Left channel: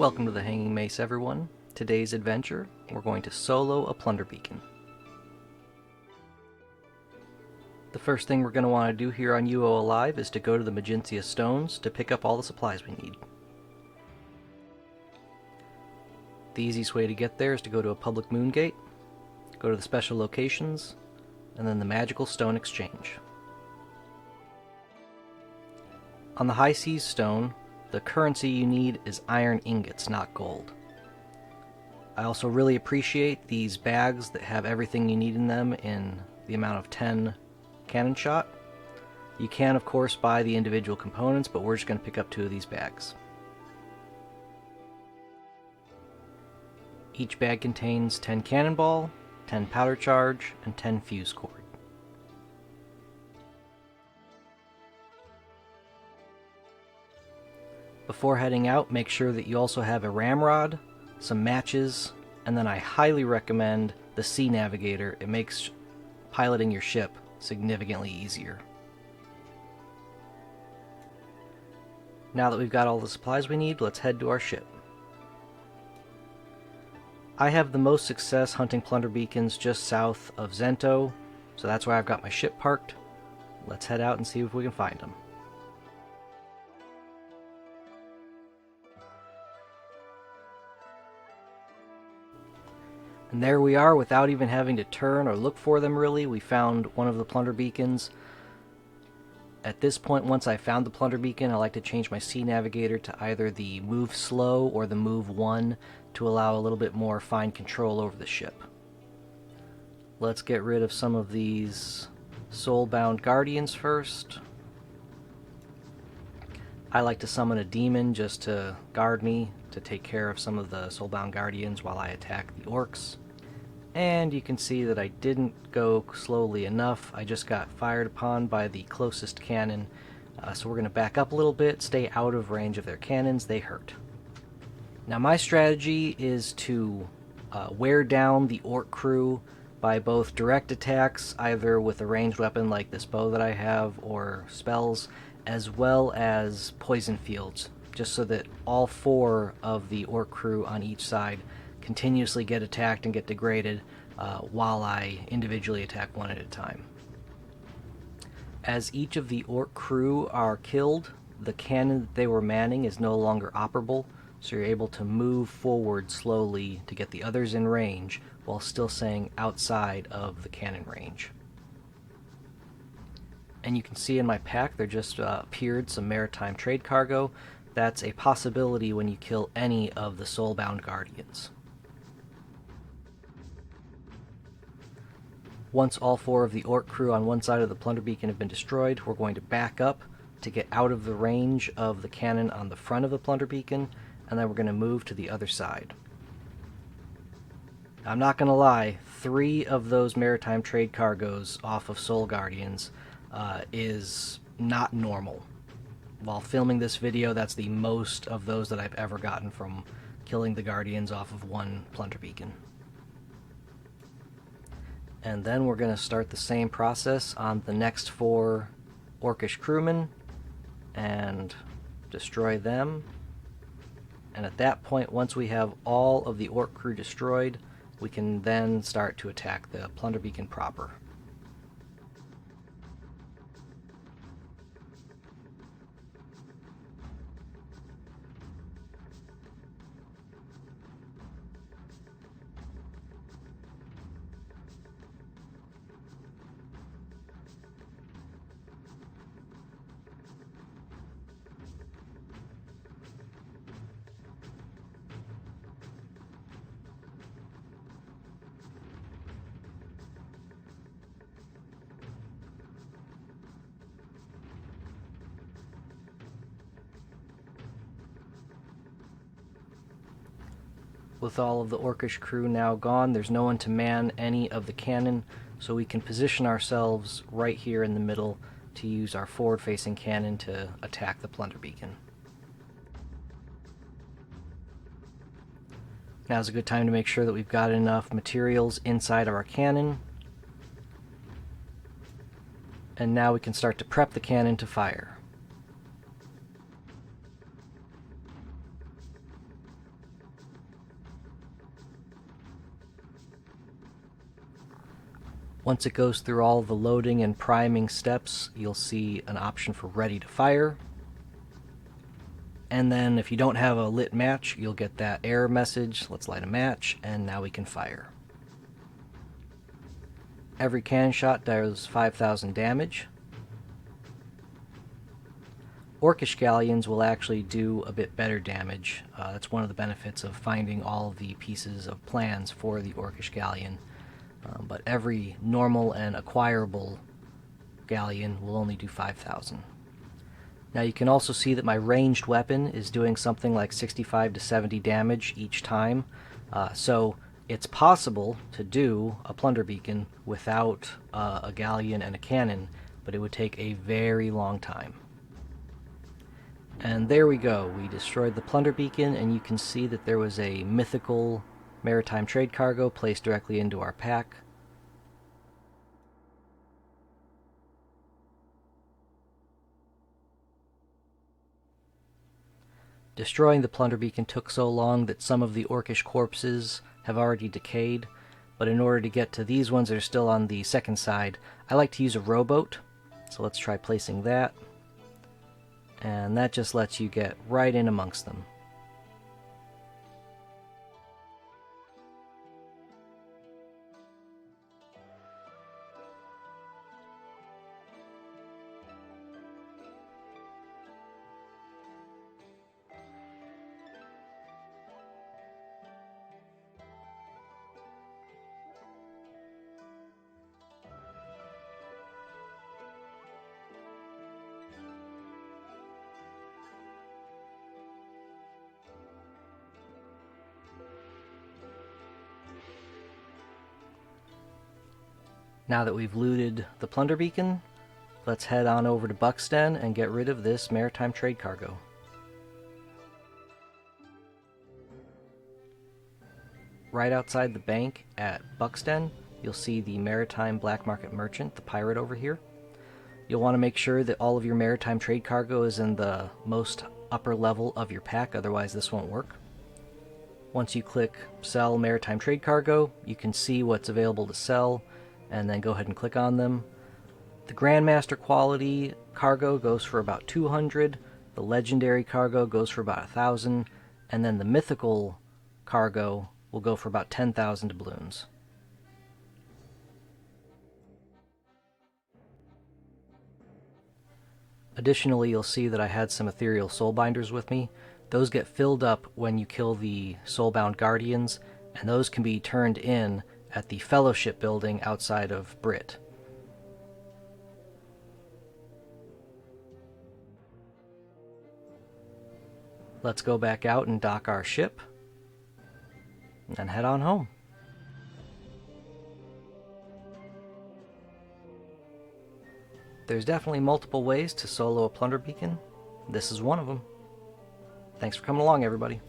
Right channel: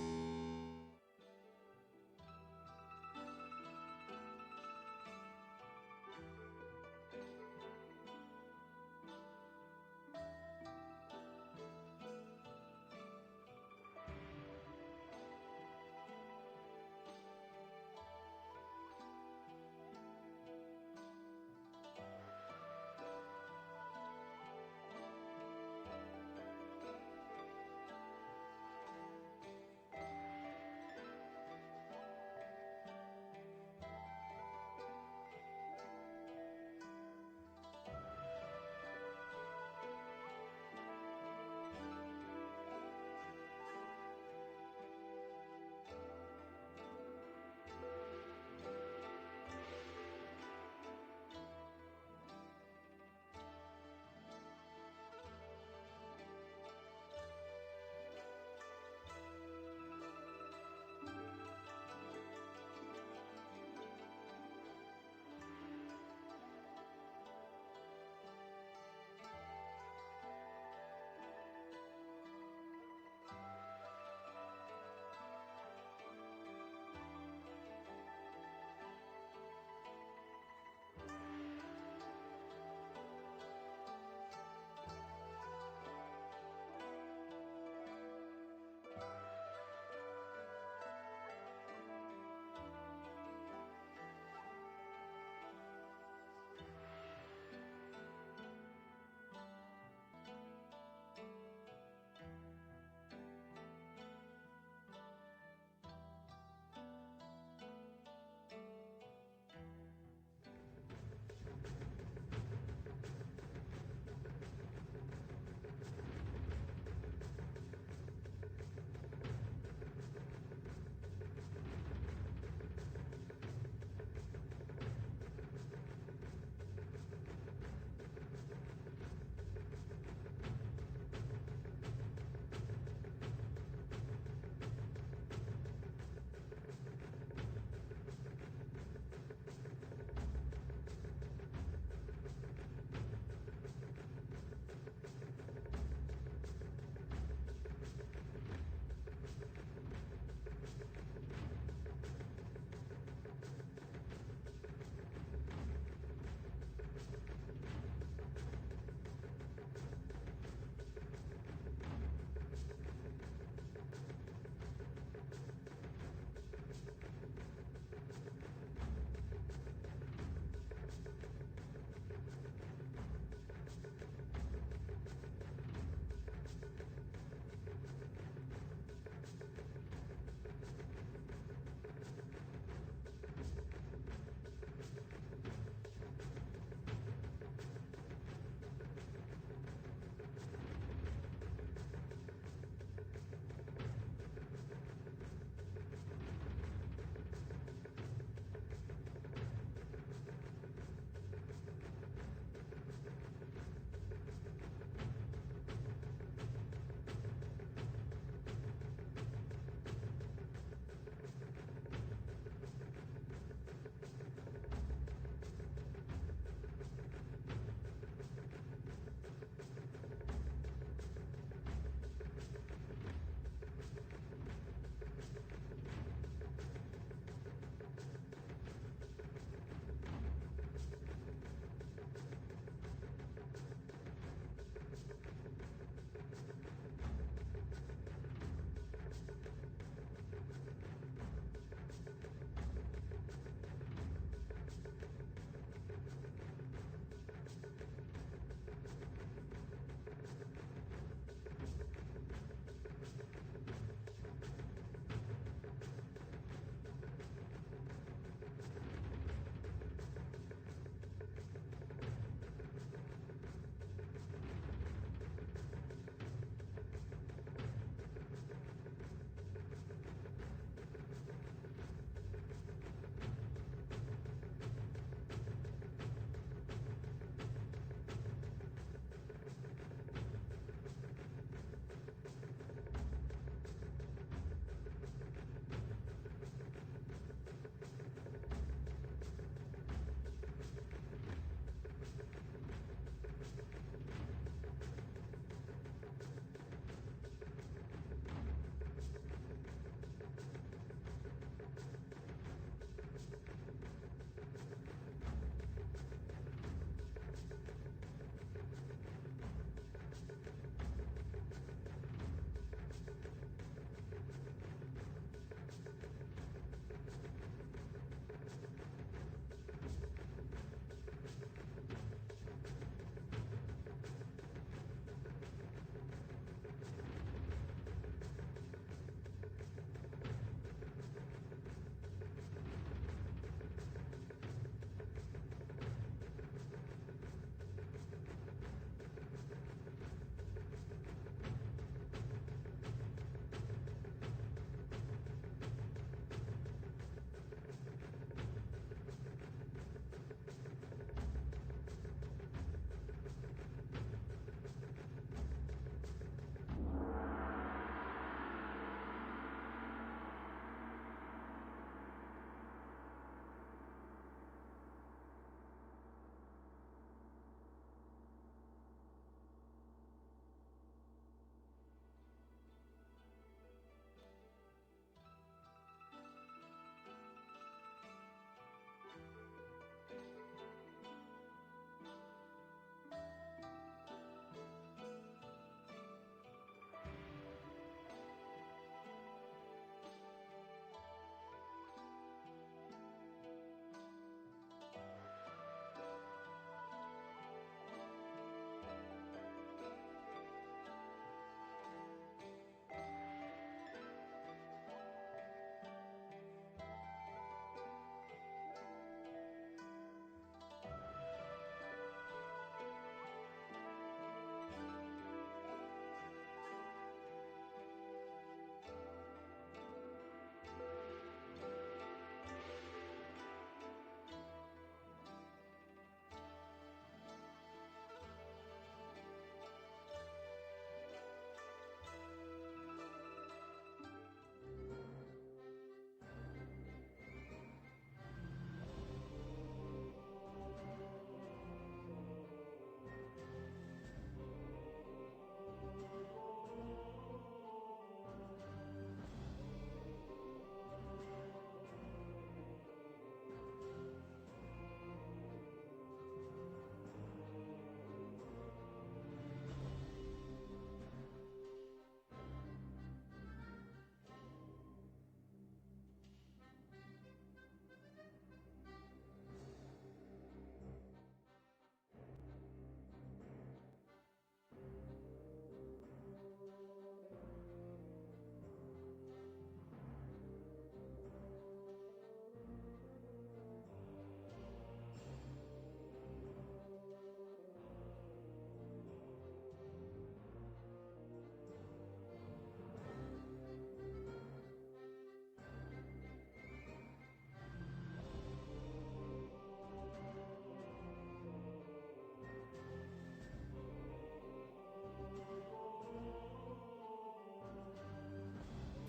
Welcome to the Hanging Mace, everyone. Today's adventure, we're going to solo a Plunderbeacon. The first thing we're going to want to do here on UOAlive is to go to the Magintia Stones to pick up all the supplies we need. The easiest way to get there is to go to a public moon gate, go to the special locations, and then the magical stone exchange. On the High Seas Stone, the currency you need is iron ingots, not gold. I also really appreciate these bags that have everything you need in them in the amount of 10 cannon shot. You can, of course, buy the individual components, but we're just going to pick up 2 of these bags. Each bag contains 10 cannonball, 10 powder charge, and 10 fuse cord. Before heading out, make sure that you also have a ramrod, some matches, and then I highly recommend the Sea Navigator. It makes piloting your ship significantly easier. Now that we've got all the supplies we need, let's head to our ship. I have the most success hunting Plunderbeacons just south of Zento, so that's where I've got my ship parked. Let's head out and see if we can find them. And there we are, without even having to turn or look for them really. We found one of the Plunderbeacons. At this point, once I found the Plunderbeacon, I like to change my Sea Navigator to either the Move Slow or the Move 1 to allow a little bit more fine control over the ship. Let's get rid of some of these soulbound guardians first. I like to summon a demon just to guard me, to take care of some of the soulbound guardians while I attack the orcs. And you can see that I didn't go slowly enough. I just got fired upon by the closest cannon. So we're going to back up a little bit, stay out of range of their cannons. They hurt. Now my strategy is to wear down the orc crew by both direct attacks, either with a ranged weapon like this bow that I have, or spells, as well as poison fields, just so that all 4 of the orc crew on each side continuously get attacked and get degraded while I individually attack one at a time. As each of the orc crew are killed, the cannon that they were manning is no longer operable, so you're able to move forward slowly to get the others in range while still staying outside of the cannon range. And you can see in my pack there just appeared some Maritime Trade Cargo. That's a possibility when you kill any of the soulbound guardians. Once all 4 of the orc crew on one side of the Plunderbeacon have been destroyed, we're going to back up to get out of the range of the cannon on the front of the Plunderbeacon, and then we're going to move to the other side. I'm not going to lie, 3 of those Maritime Trade Cargoes off of Soul Guardians is not normal. While filming this video, that's the most of those that I've ever gotten from killing the Guardians off of one Plunderbeacon. And then we're going to start the same process on the next 4 Orcish crewmen and destroy them. And at that point, once we have all of the orc crew destroyed, we can then start to attack the Plunderbeacon proper. With all of the Orcish crew now gone, there's no one to man any of the cannon, so we can position ourselves right here in the middle to use our forward-facing cannon to attack the Plunderbeacon. Now's a good time to make sure that we've got enough materials inside of our cannon. And now we can start to prep the cannon to fire. The Once it goes through all the loading and priming steps, you'll see an option for ready to fire. And then if you don't have a lit match, you'll get that error message, let's light a match, and now we can fire. Every cannon shot does 5,000 damage. Orcish galleons will actually do a bit better damage. That's one of the benefits of finding all the pieces of plans for the Orcish galleon. But every normal and acquirable galleon will only do 5,000. Now you can also see that my ranged weapon is doing something like 65 to 70 damage each time. So it's possible to do a Plunderbeacon without a galleon and a cannon, but it would take a very long time. And there we go, we destroyed the Plunderbeacon, and you can see that there was a mythical Maritime Trade Cargo placed directly into our pack. Destroying the Plunderbeacon took so long that some of the Orcish corpses have already decayed, but in order to get to these ones that are still on the second side, I like to use a rowboat. So let's try placing that. And that just lets you get right in amongst them. Now that we've looted the Plunderbeacon, let's head on over to Buxton and get rid of this Maritime Trade Cargo. Right outside the bank at Buxton, you'll see the Maritime Black Market Merchant, the pirate over here. You'll want to make sure that all of your Maritime Trade Cargo is in the most upper level of your pack, otherwise this won't work. Once you click Sell Maritime Trade Cargo, you can see what's available to sell, and then go ahead and click on them. The Grandmaster quality cargo goes for about 200, the Legendary cargo goes for about 1,000, and then the Mythical cargo will go for about 10,000 doubloons. Additionally, you'll see that I had some Ethereal Soulbinders with me. Those get filled up when you kill the Soulbound Guardians, and those can be turned in at the Fellowship building outside of Brit. Let's go back out and dock our ship and head on home. There's definitely multiple ways to solo a Plunderbeacon. This is one of them. Thanks for coming along, everybody.